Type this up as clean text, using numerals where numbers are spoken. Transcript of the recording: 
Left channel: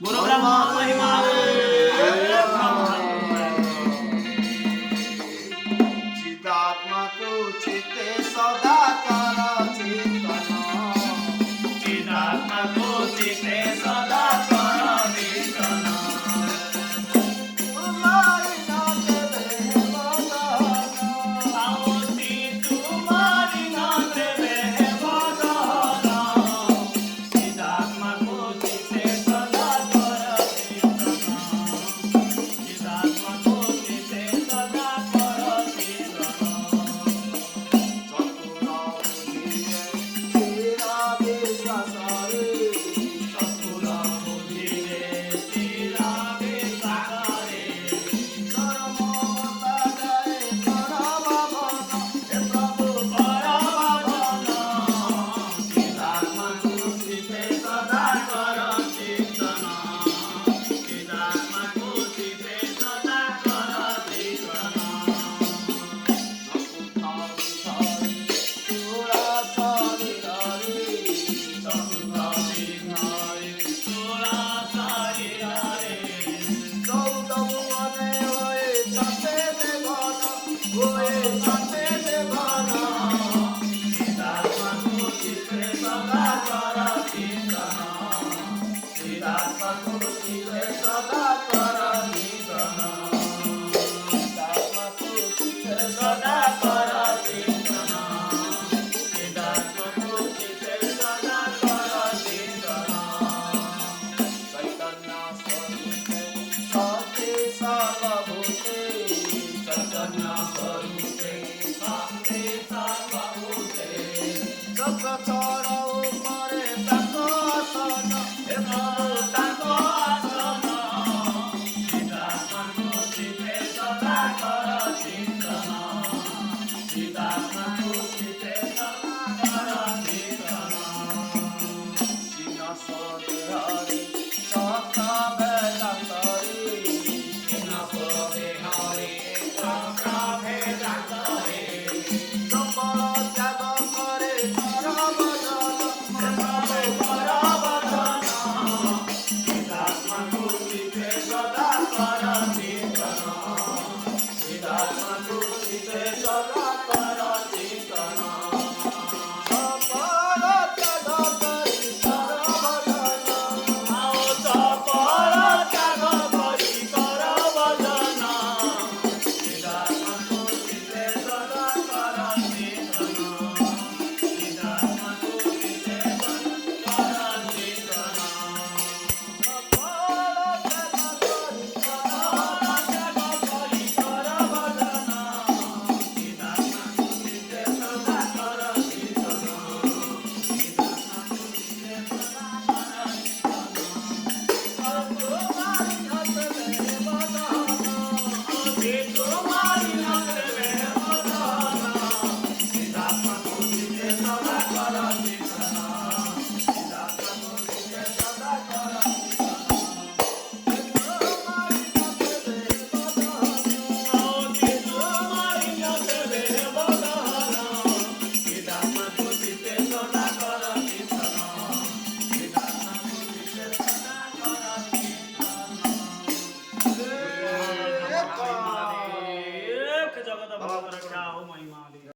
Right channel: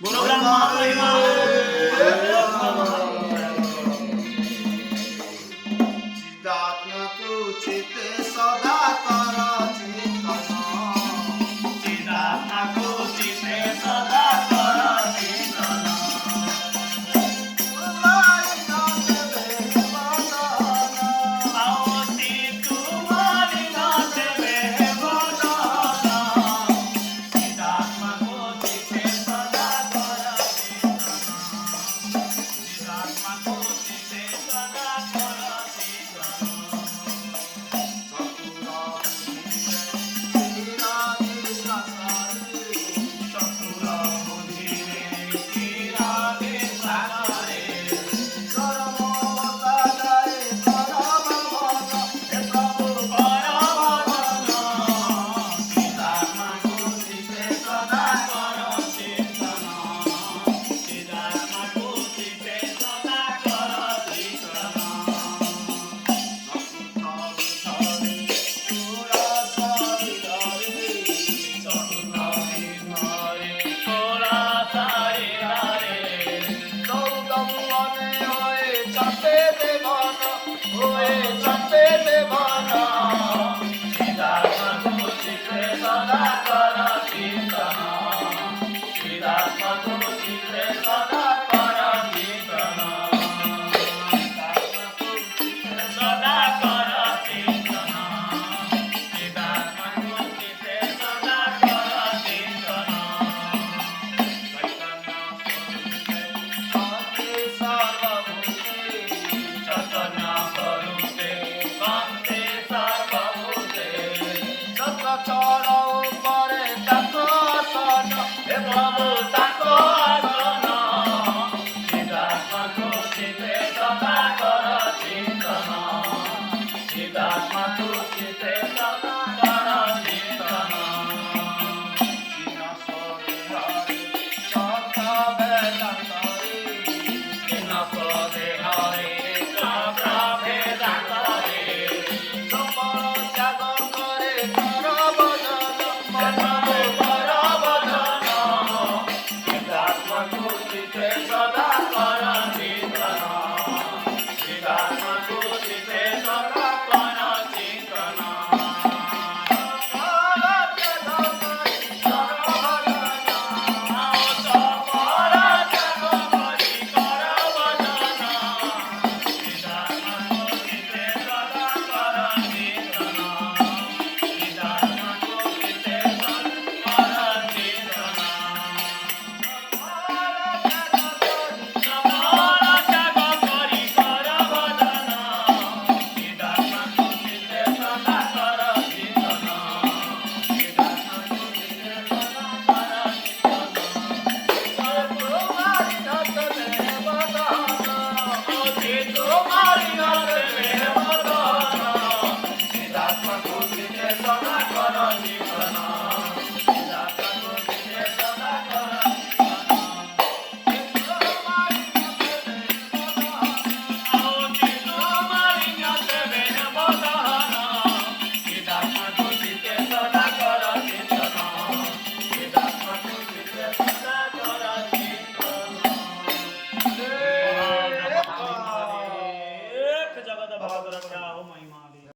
गुरु ब्रह्मा महिमा चिदात्मा चिते सदा कर चिंतन चिदात्मा चिते सदा कर चिंतन तुम्हारी नाथ देह बदन आवती तुम्हारी नाथ देह बदन चिदात्मा चिते सदा कर चिंतन चिदात्मा चिते सदा कर चिंतन चतुरा बुझिले स्थिरा विसारे सदा कर जीवन